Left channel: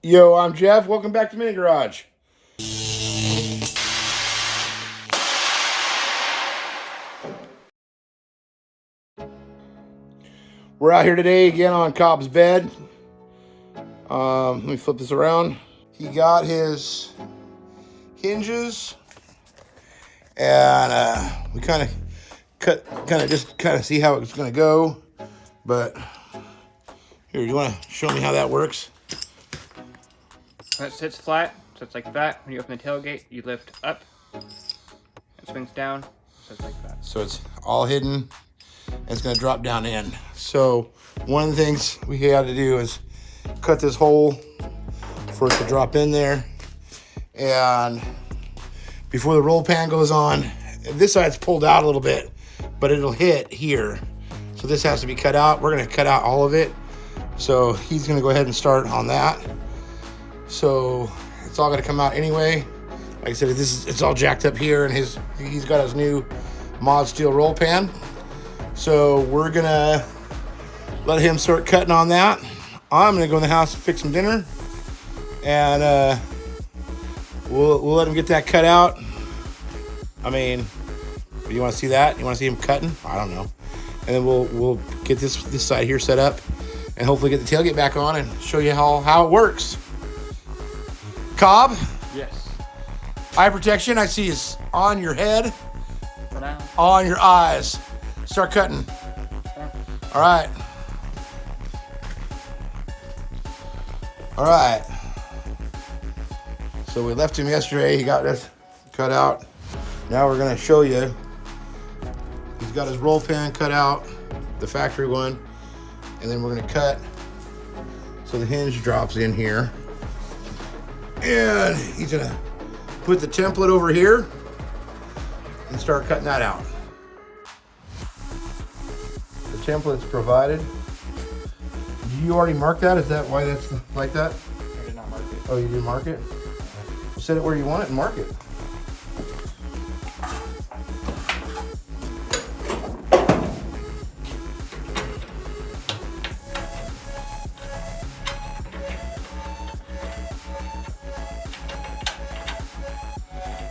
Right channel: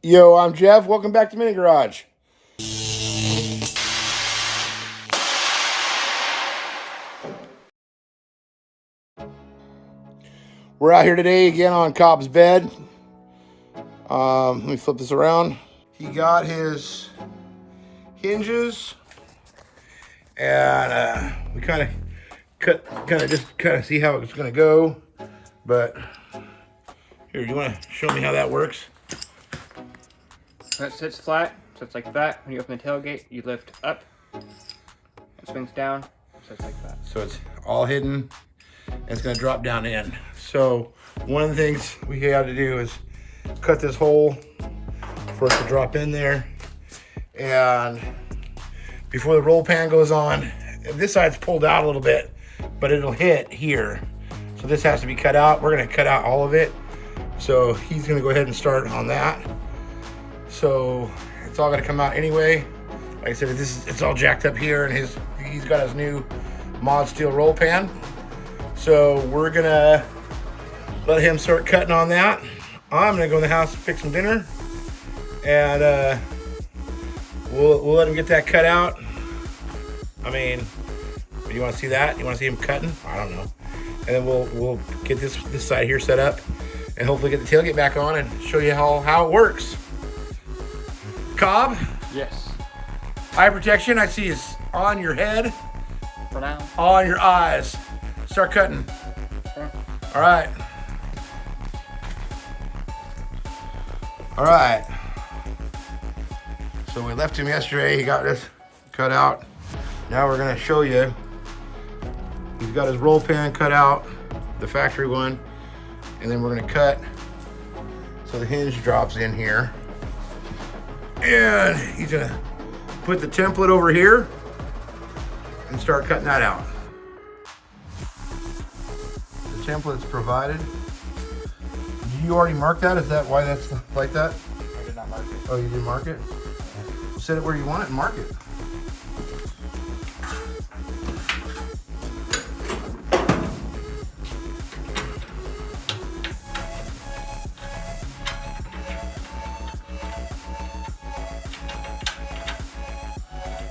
Yo, I'm Jeff. Welcome back to Mini Garage. We're out here today again on Cobb's bed. Let me flip this around. He got his hinges, and we kind of see how it's gonna go. But here, you want to show me how that works? When it sits flat, sits like that. When you open the tailgate, you lift up. It swings down, sits like that. So it's all hidden, and it's gonna drop down in. So one of the things we got to do is cut this hole for it to drop in there. And before the roll pan goes on, this side's pulled out a little bit, but it'll hit here. So this has to be cut out. We're gonna cut out all of it. So he's gonna go ahead and start on that. So it's all gonna come out anyway. Like I said, it's all jacked up here, and he's got his new mod steel roll pan. So we're gonna let him start cutting on that. I'm gonna go in the house and fix some dinner, and we'll let him get that cut out. I mean, you want to see that? You want to see him cutting? I don't know. And then we'll get this side here set up, and hopefully get the tailgate back on and show you how it works. Cobb? Yes. Eye protection, I see, is on your head. For now. On your eyes. Start cutting. Okay. All right. All right. So we left him yesterday. He got this cut out. Now we're gonna show you. He's got his roll pan cut out, the factory one, and then we're gonna cut so the hinge drops in here. And he's gonna put the template over here and start cutting that out. The template's provided. Did you already mark that? Is that why that's like that? I did not mark it. Oh, you didn't mark it? Set it where you want it and mark it.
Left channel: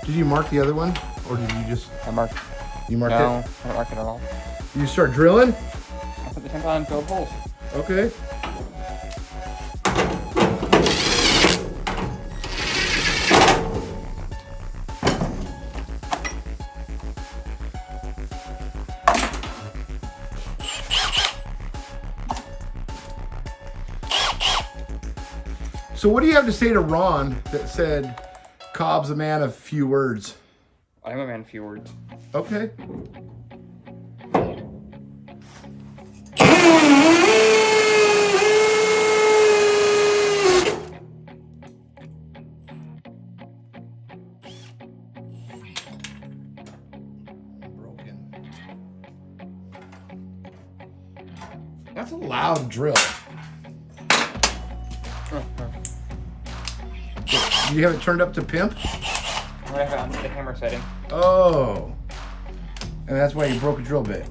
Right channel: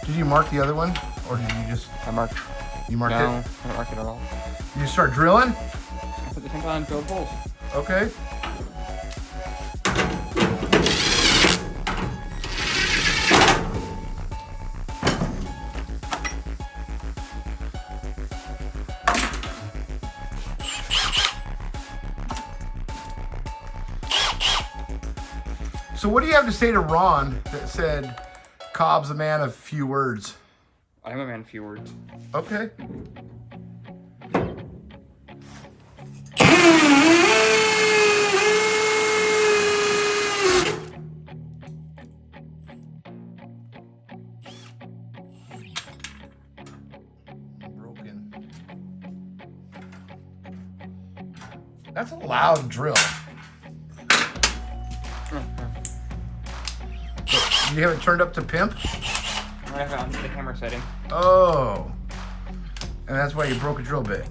Did you mark the other one, or did you just? I marked. You marked No, it? I didn't mark it at all. You start drilling? I put the template on and filled holes. Okay. So what do you have to say to Ron that said Cobb's a man of few words? I'm a man of few words. Okay. Broken. That's a loud drill. You have it turned up to pimp? I have it on the hammer setting. Oh. And that's why you broke a drill bit.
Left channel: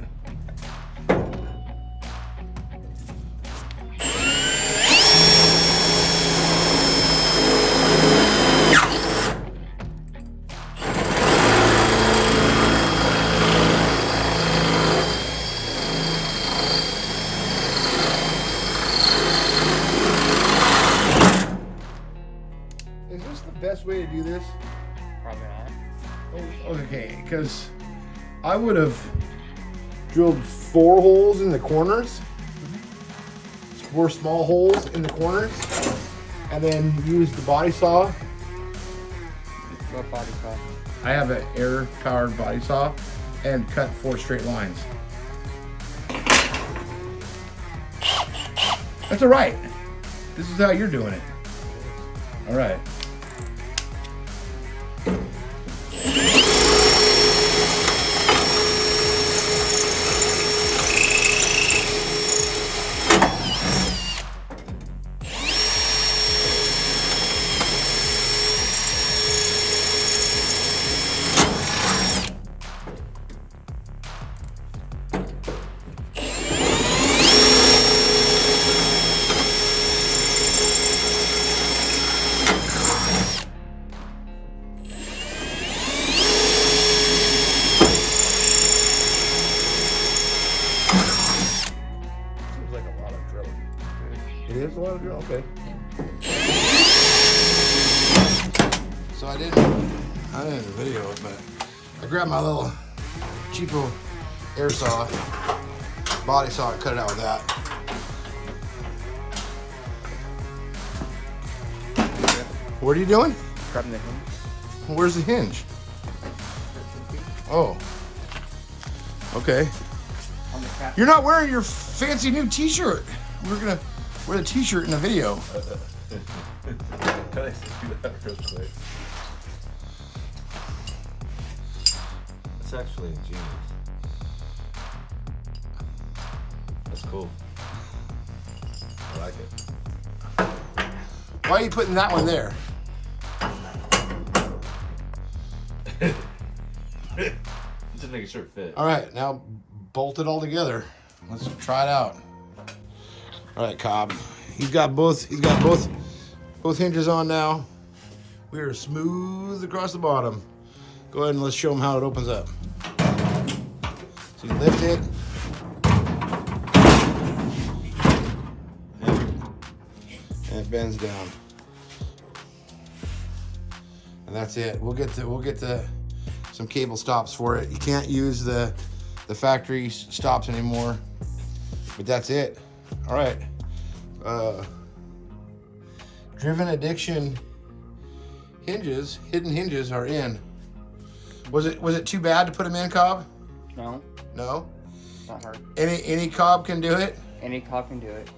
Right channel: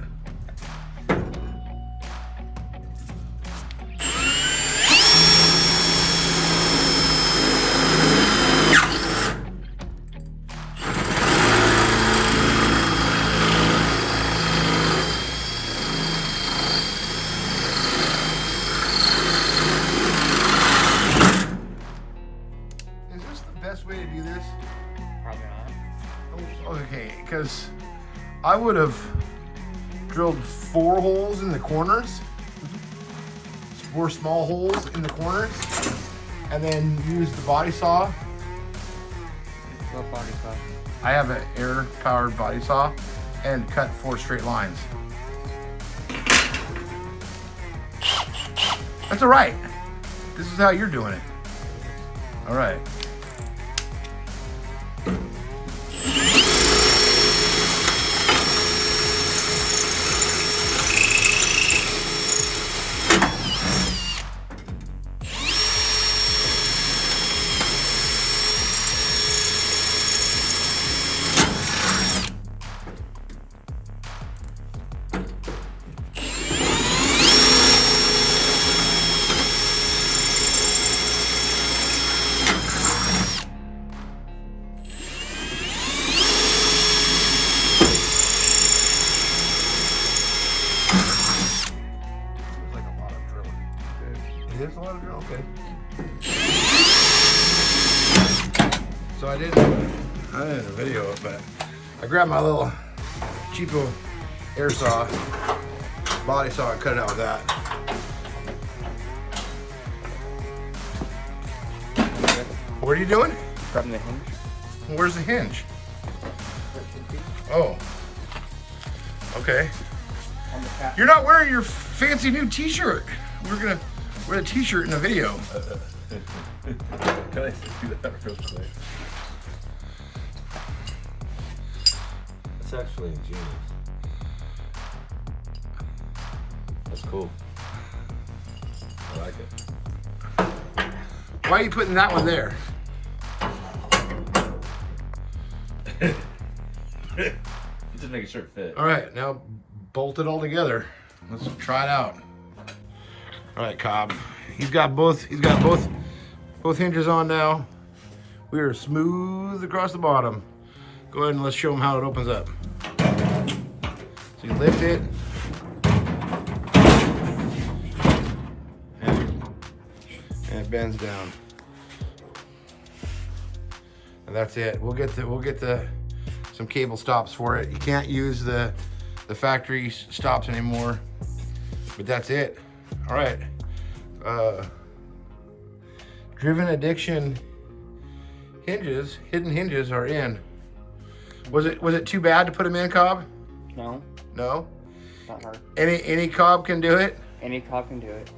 Is this the best way to do this? Probably not. Oh, okay, because I would have drilled 4 holes in the corners, 4 small holes in the corners, and then used the body saw. What body saw? I have an air-powered body saw, and cut 4 straight lines. That's all right. This is how you're doing it. All right. It is a lot of doing. Okay. So I didn't video it, but I grabbed my little cheapo air saw, body saw, and cut it out with that. What are you doing? Grabbing the hinge. Where's the hinge? Oh. Okay. On the cat. You're not wearing your fancy new t-shirt. We're gonna wear the t-shirt in the video. Can I do that real quick? That's actually ingenious. That's cool. I like it. Why are you putting that one there? Just making sure it fit. All right, now bolt it all together. Let's try it out. All right, Cobb. He's got both hinges on now. We are smooth across the bottom. Go ahead and let's show him how it opens up. So you lift it. And it bends down. And that's it. We'll get some cable stops for it. You can't use the factory stops anymore, but that's it. All right. Driven Addiction hinges, hidden hinges are in. Was it too bad to put them in, Cobb? No. No? Not hard. Any Cobb can do it? Any cob can do it.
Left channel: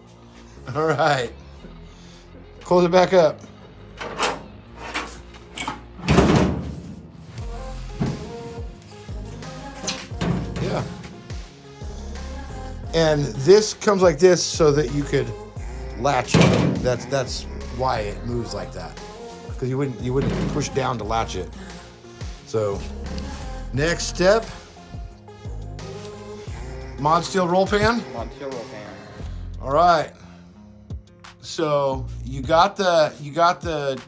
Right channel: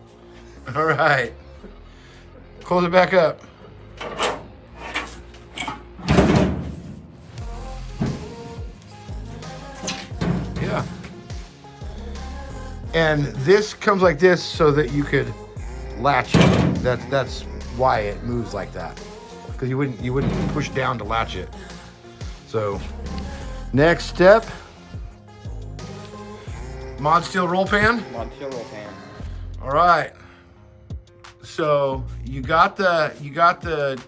All right. Close it back up. Yeah. And this comes like this so that you could latch it. That's why it moves like that. Because you wouldn't push down to latch it. So next step, mod steel roll pan. Mod steel roll pan. All right. So you got the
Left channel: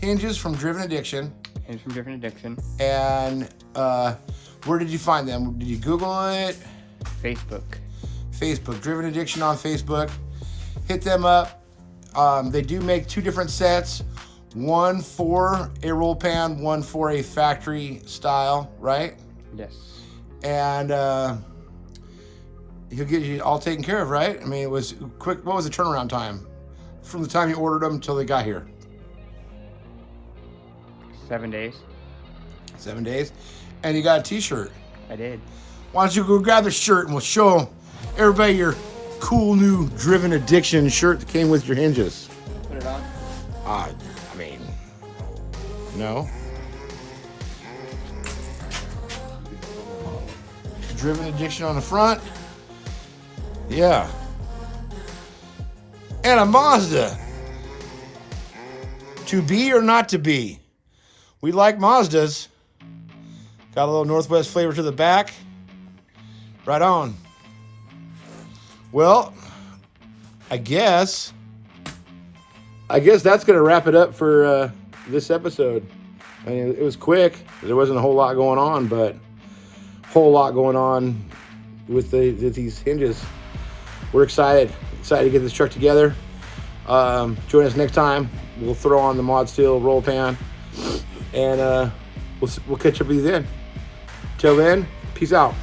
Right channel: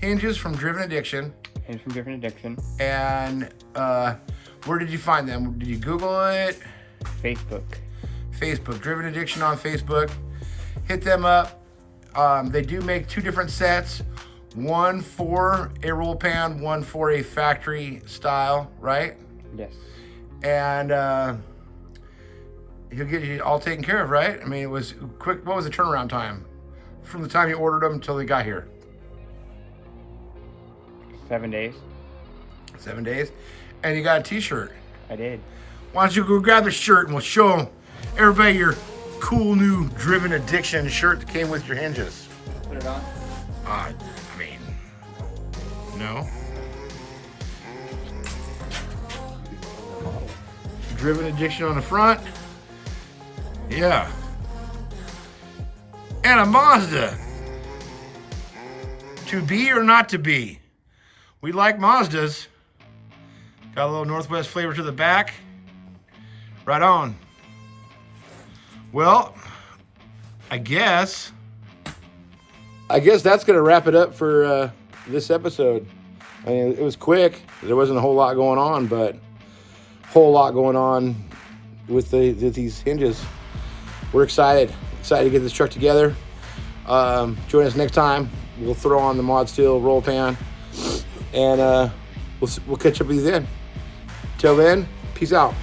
hinges from Driven Addiction. Hinge from Driven Addiction. And where did you find them? Did you Google it? Facebook. Facebook, Driven Addiction on Facebook. Hit them up. They do make two different sets. One for a roll pan, one for a factory style, right? Yes. And he'll get you all taken care of, right? I mean, it was quick. What was the turnaround time from the time you ordered them until they got here? 7 days. 7 days. And you got a t-shirt. I did. Why don't you go grab the shirt and we'll show everybody your cool new Driven Addiction shirt that came with your hinges. Put it on. I mean, no. Driven Addiction on the front. Yeah. And a Mazda. To be or not to be? We like Mazdas. Got a little Northwest flavor to the back. Right on. Well, I guess that's gonna wrap it up for this episode. I mean, it was quick. There wasn't a whole lot going on, but a whole lot going on with these hinges. We're excited to get this truck together. Join us next time. We'll throw on the mod steel roll pan, and we'll catch up with you then. Till then, peace out.